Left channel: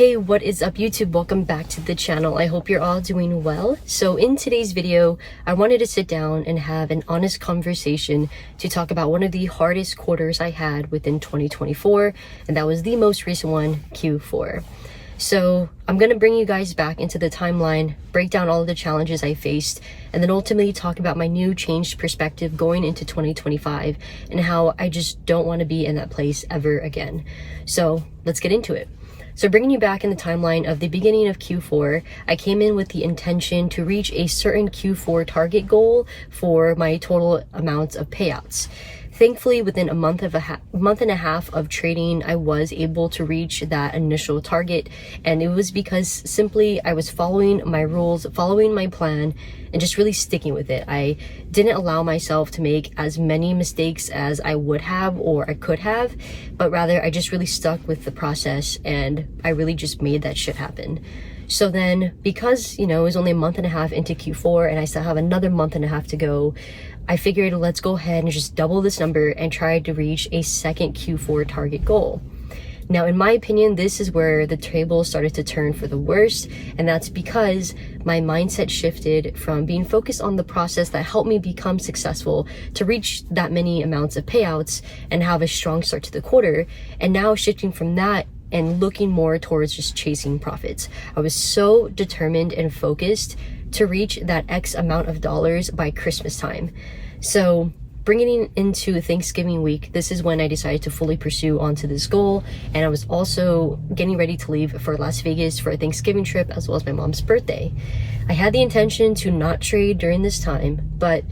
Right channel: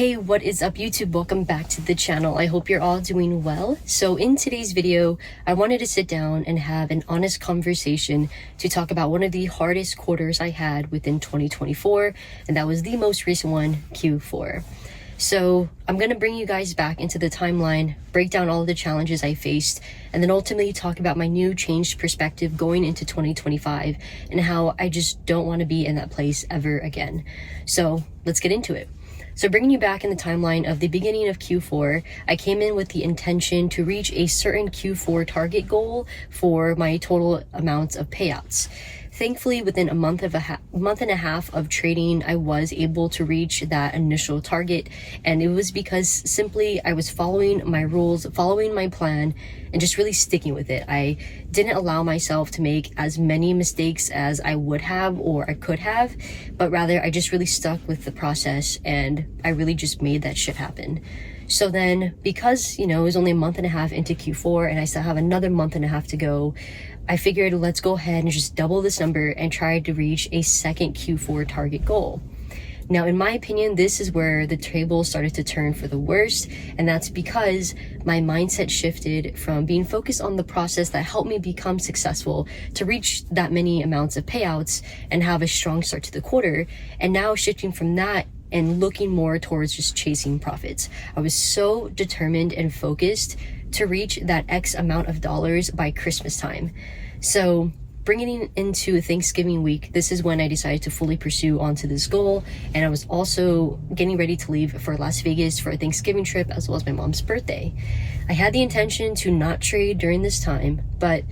Hey, what is up YouTube? Welcome back to the channel. I hope you're all doing well. So in today's video, I wanted to sit down and have an honest conversation to talk about one of the hardest quarters I had within 2024, and that was the most recent one, Q4. So I'm going to bring you guys back into the timeline, break down all of the challenges I faced, and then ultimately talk about my new changed perspective going into 2025 and how I just don't want to be in that place ever again. So let's get into it. So bringing you back in the timeline of the beginning of Q4, I came in with the intention to reach a certain Q4 target goal for my total amounts of payouts. Thankfully, within a month and a half of trading, I was able to reach that initial target. And it was because simply I was following my rules, following my plan, and just really sticking with it. I didn't allow myself to make as many mistakes as I would have or I could have, but rather I just really stuck with the process and I really just made that shit happen. So then, because, it was only a month and a half into Q4 and I still have another month and a half to go, I figured let's go ahead and just double this number and try to reach a second Q4 target goal. Now, in my opinion, this is where the table started to turn for the worst, and that's because my mindset shifted from being focused on the process that helped me become successful to reach that many amounts of payouts and have a strong start to the quarter, and now shifting from that and looking more towards just chasing profits. I was so determined and focused to reach that X amount of dollars by Christmas time. So bringing it into Thanksgiving week, this is when I decided to fully pursue onto this goal. And I was also getting ready to leave for Las Vegas for a Thanksgiving trip as well as my mom's birthday. I had the intention to not trade during this time, but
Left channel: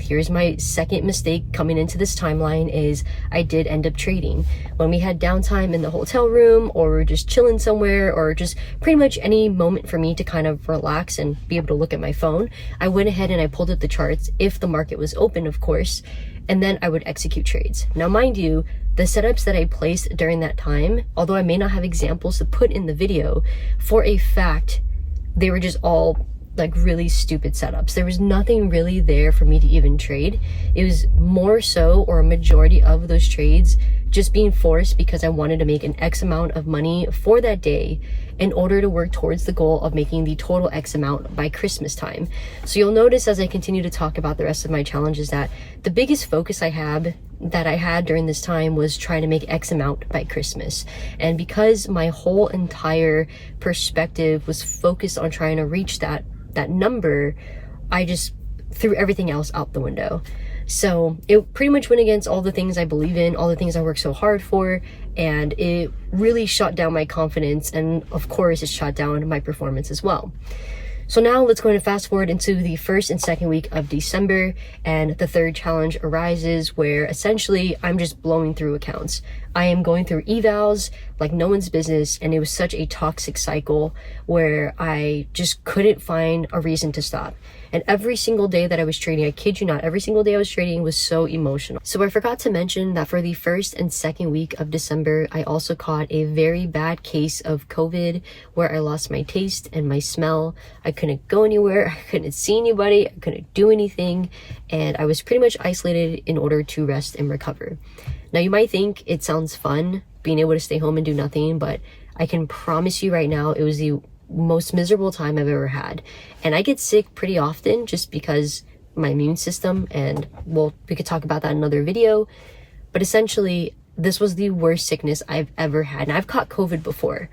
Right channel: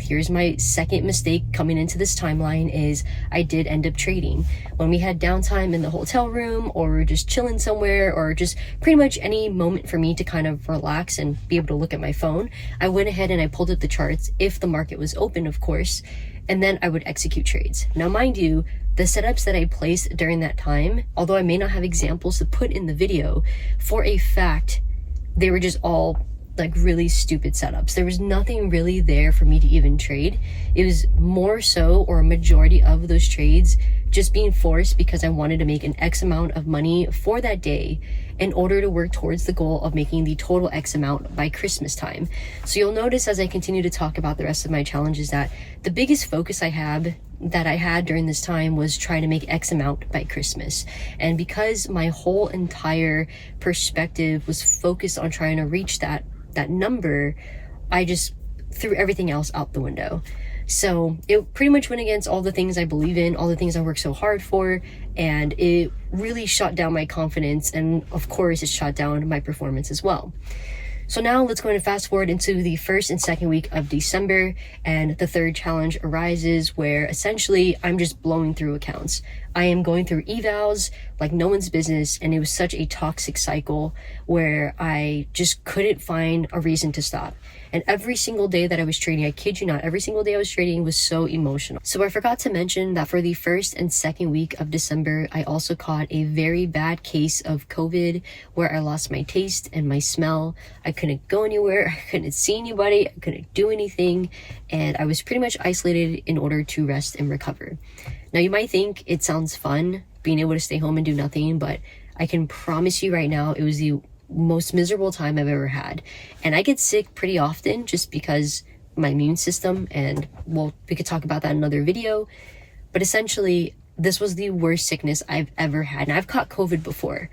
here's my second mistake coming into this timeline is I did end up trading. When we had downtime in the hotel room or we're just chilling somewhere or just pretty much any moment for me to kind of relax and be able to look at my phone, I went ahead and I pulled up the charts if the market was open, of course, and then I would execute trades. Now, mind you, the setups that I placed during that time, although I may not have examples to put in the video, for a fact, they were just all like really stupid setups. There was nothing really there for me to even trade. It was more so, or a majority of those trades, just being forced because I wanted to make an X amount of money for that day in order to work towards the goal of making the total X amount by Christmas time. So you'll notice as I continue to talk about the rest of my challenges that the biggest focus I had during this time was trying to make X amount by Christmas. And because my whole entire perspective was focused on trying to reach that number, I just threw everything else out the window. So it pretty much went against all the things I believe in, all the things I worked so hard for, and it really shot down my confidence, and of course it shot down my performance as well. So now let's go ahead and fast forward into the first and second week of December, and the third challenge arises where essentially I'm just blowing through accounts. I am going through evals like no one's business, and it was such a toxic cycle where I just couldn't find a reason to stop. And every single day that I was trading, I kid you not, every single day I was trading was so emotional. So I forgot to mention that for the first and second week of December, I also caught a very bad case of COVID where I lost my taste and my smell. I couldn't go anywhere, I couldn't see anybody, I couldn't do anything, and I was pretty much isolated in order to rest and recover. Now you might think it sounds fun being able to stay home and do nothing, but I can promise you right now it was the most miserable time I've ever had. And I get sick pretty often just because my immune system, and well, we could talk about that in another video, but essentially this was the worst sickness I've ever had, and I've caught COVID before.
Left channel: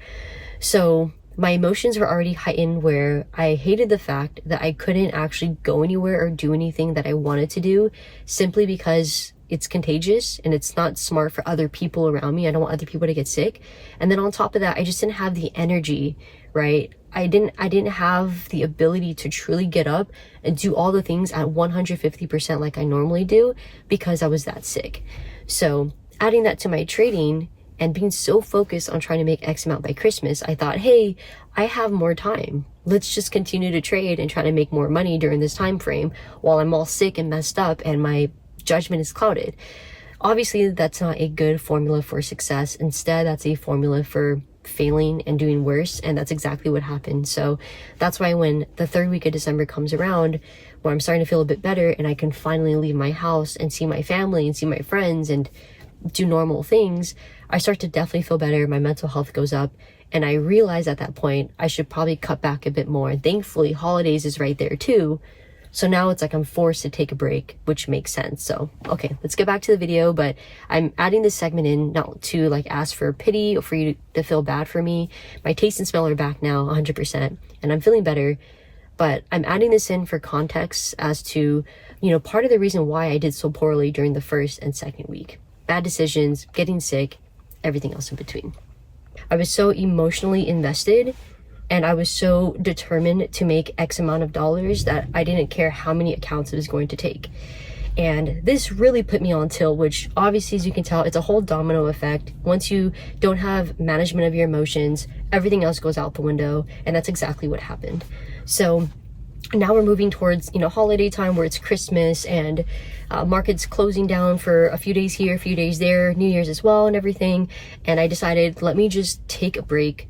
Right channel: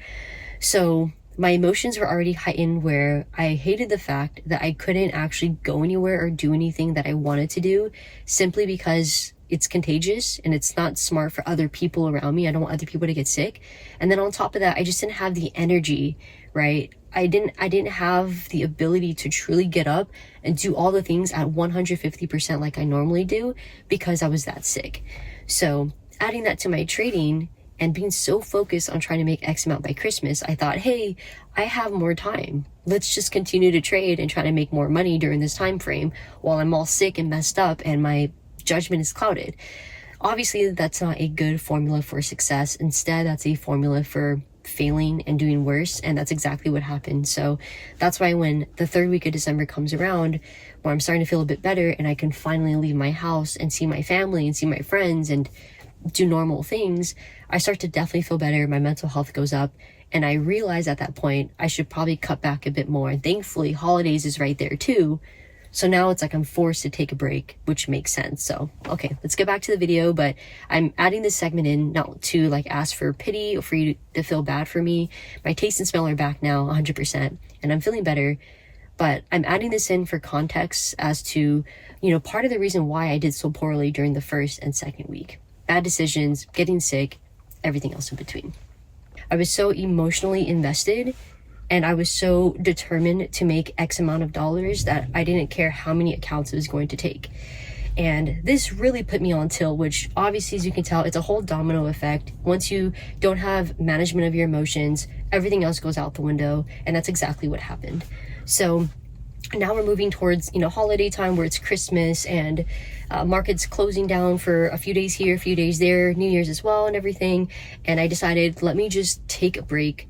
So my emotions were already heightened where I hated the fact that I couldn't actually go anywhere or do anything that I wanted to do simply because it's contagious and it's not smart for other people around me. I don't want other people to get sick. And then on top of that, I just didn't have the energy, right? I didn't have the ability to truly get up and do all the things at 150% like I normally do because I was that sick. So adding that to my trading and being so focused on trying to make X amount by Christmas, I thought, hey, I have more time. Let's just continue to trade and try to make more money during this time frame while I'm all sick and messed up and my judgment is clouded. Obviously, that's not a good formula for success. Instead, that's a formula for failing and doing worse, and that's exactly what happened. So that's why when the third week of December comes around, where I'm starting to feel a bit better and I can finally leave my house and see my family and see my friends and do normal things, I start to definitely feel better. My mental health goes up, And I realized at that point, I should probably cut back a bit more. And thankfully, holidays is right there too. So now it's like I'm forced to take a break, which makes sense. So, okay, let's get back to the video. But I'm adding this segment in not to like ask for pity or for you to feel bad for me. My taste and smell are back now 100% and I'm feeling better. But I'm adding this in for context as to, part of the reason why I did so poorly during the first and second week. Bad decisions, getting sick, everything else in between. I was so emotionally invested and I was so determined to make X amount of dollars that I didn't care how many accounts it was going to take. And this really put me on tilt, which obviously, as you can tell, it's a whole domino effect. Once you don't have management of your emotions, everything else goes out the window. And that's exactly what happened. So now we're moving towards, holiday time where it's Christmas and markets closing down for a few days here, a few days there, New Year's as well and everything. And I decided, let me just take a break,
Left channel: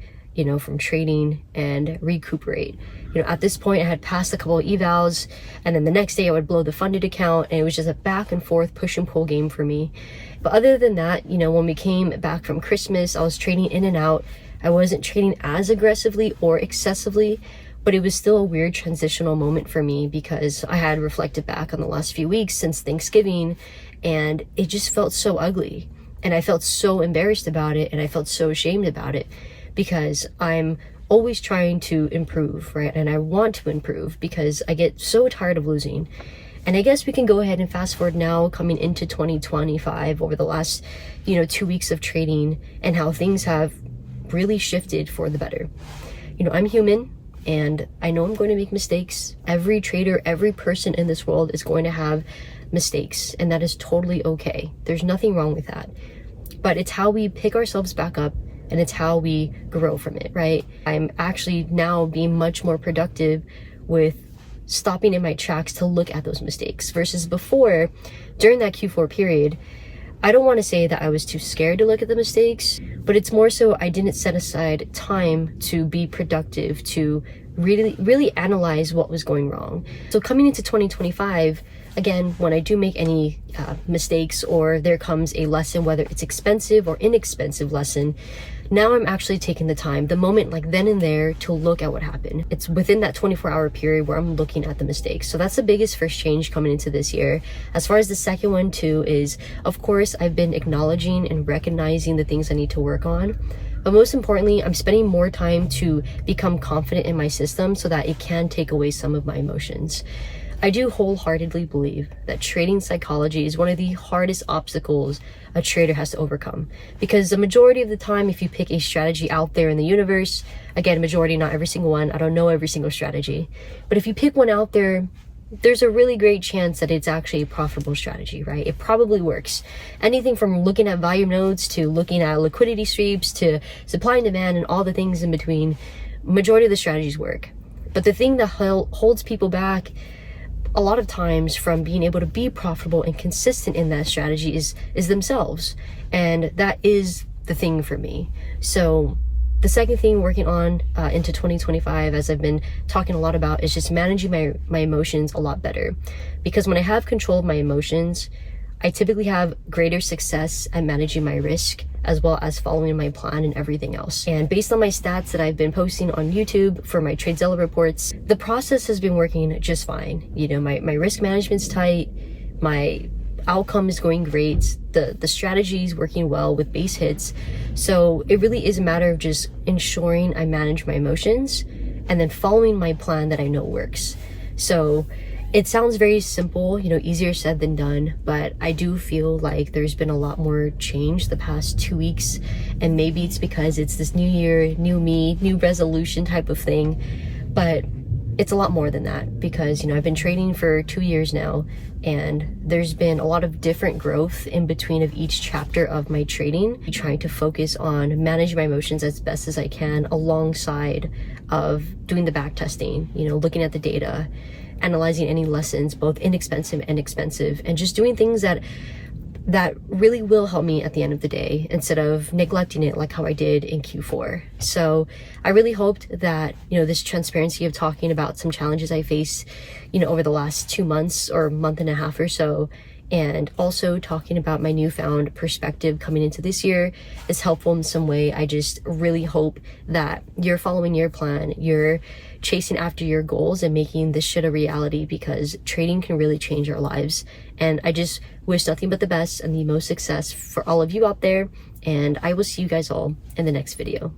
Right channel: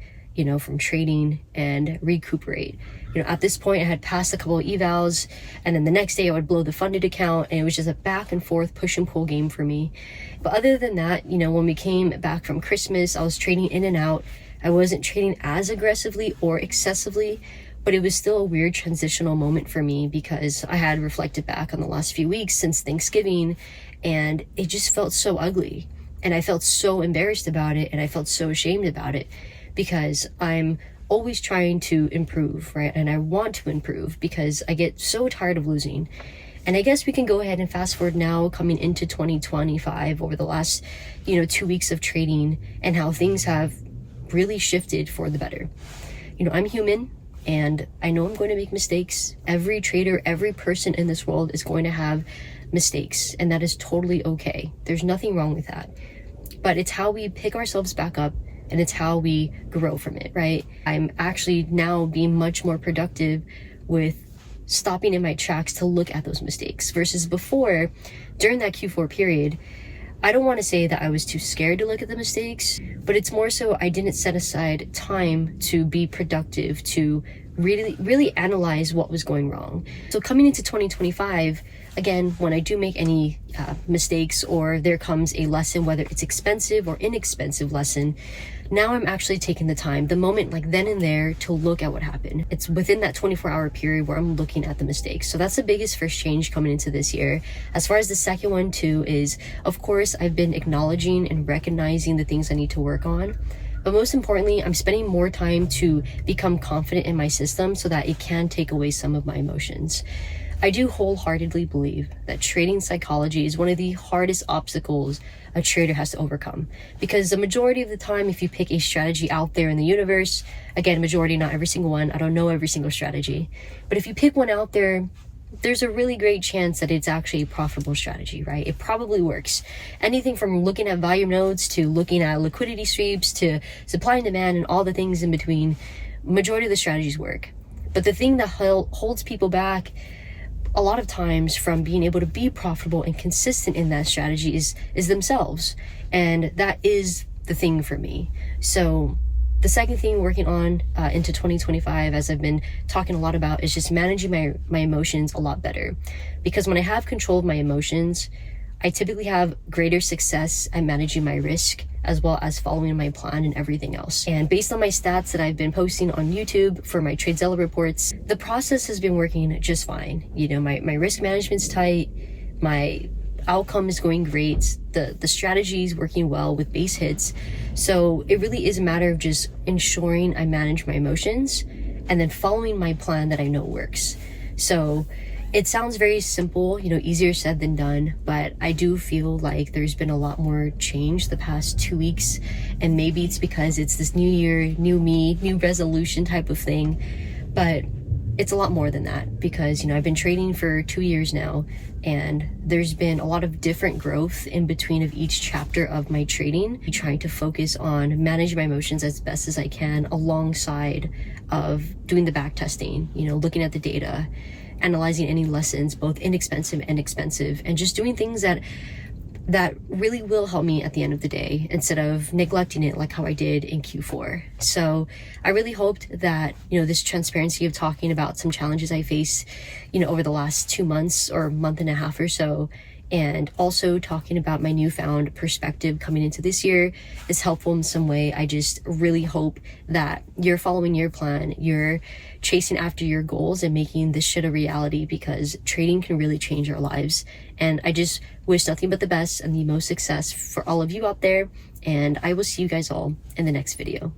from trading and recuperate. At this point I had passed a couple of evals and then the next day I would blow the funded account and it was just a back and forth push and pull game for me. But other than that, when we came back from Christmas, I was trading in and out. I wasn't trading as aggressively or excessively, but it was still a weird transitional moment for me because I had reflected back on the last few weeks since Thanksgiving and it just felt so ugly and I felt so embarrassed about it and I felt so ashamed about it because I'm always trying to improve, right? And I want to improve because I get so tired of losing. And I guess we can go ahead and fast forward now coming into 2025 over the last, 2 weeks of trading and how things have really shifted for the better. I'm human and I know I'm going to make mistakes. Every trader, every person in this world is going to have mistakes and that is totally okay. There's nothing wrong with that. But it's how we pick ourselves back up and it's how we grow from it, right? I'm actually now being much more productive with stopping in my tracks to look at those mistakes versus before, during that Q4 period, I don't want to say that I was too scared to look at the mistakes, but it's more so I didn't set aside time to be productive, to really analyze what was going wrong. So coming into 2025, again, when I do make any mistakes or there comes a lesson, whether it's expensive or inexpensive lesson, now I'm actually taking the time, the moment like then and there to look at what happened. It's within that 24-hour period where I'm looking at the mistakes. So that's the biggest first change coming into this year. As far as the second one too is, of course, I've been acknowledging and recognizing the things I need to work on. But most importantly, I'm spending more time to become confident in my system so that it can take away some of my emotions. I do wholeheartedly believe that trading psychology is one of the hardest obstacles a trader has to overcome. Because the majority of the time, if you pick a strategy out there in the universe, again, majority, not every single one, I don't know every single strategy, but if you pick one out there, there's a really great chance that it's actually a profitable strategy, right? It probably works. Anything from looking at volume nodes to looking at liquidity sweeps to supply and demand and all the things in between, majority of the strategies work. But the thing that holds people back a lot of times from being able to be profitable and consistent in that strategy is themselves. And that is the thing for me. So the second thing working on into 2025, as I've been talking a lot about, is just managing my emotions a lot better. Because when I have control of my emotions, I typically have greater success at managing my risk as well as following my plan and everything else. And based on my stats that I've been posting on YouTube for my TradeZilla reports, the process has been working just fine. My risk management's tight, my outcome is going great, the strategy is working well with base hits. So it really is a matter of just ensuring I manage my emotions and then following my plan that I know works. So it sounds very simple, easier said than done, but I do feel like there's been a lot more change the past 2 weeks, and maybe it's because it's this new year, new me, new resolution type of thing, but it's a lot more than that because, I've been trading for 2 years now, and there's been a lot of different growth in between of each chapter of my trading, trying to focus on managing my emotions as best as I can alongside of doing the back testing, looking at the data, analyzing any lessons, both inexpensive and expensive, and just doing things that really will help me at the end of the day instead of neglecting it like how I did in Q4. So I really hoped that, this transparency of talking about some challenges I faced, over the last 2 months or month and a half or so and also talking about my newfound perspective coming into this year is helpful in some way. I just really hope that you're following your plan, you're chasing after your goals and making this shit a reality, because trading can really change our lives. And I just wish nothing but the best and the most success for all of you out there, and I will see you guys all in the next video.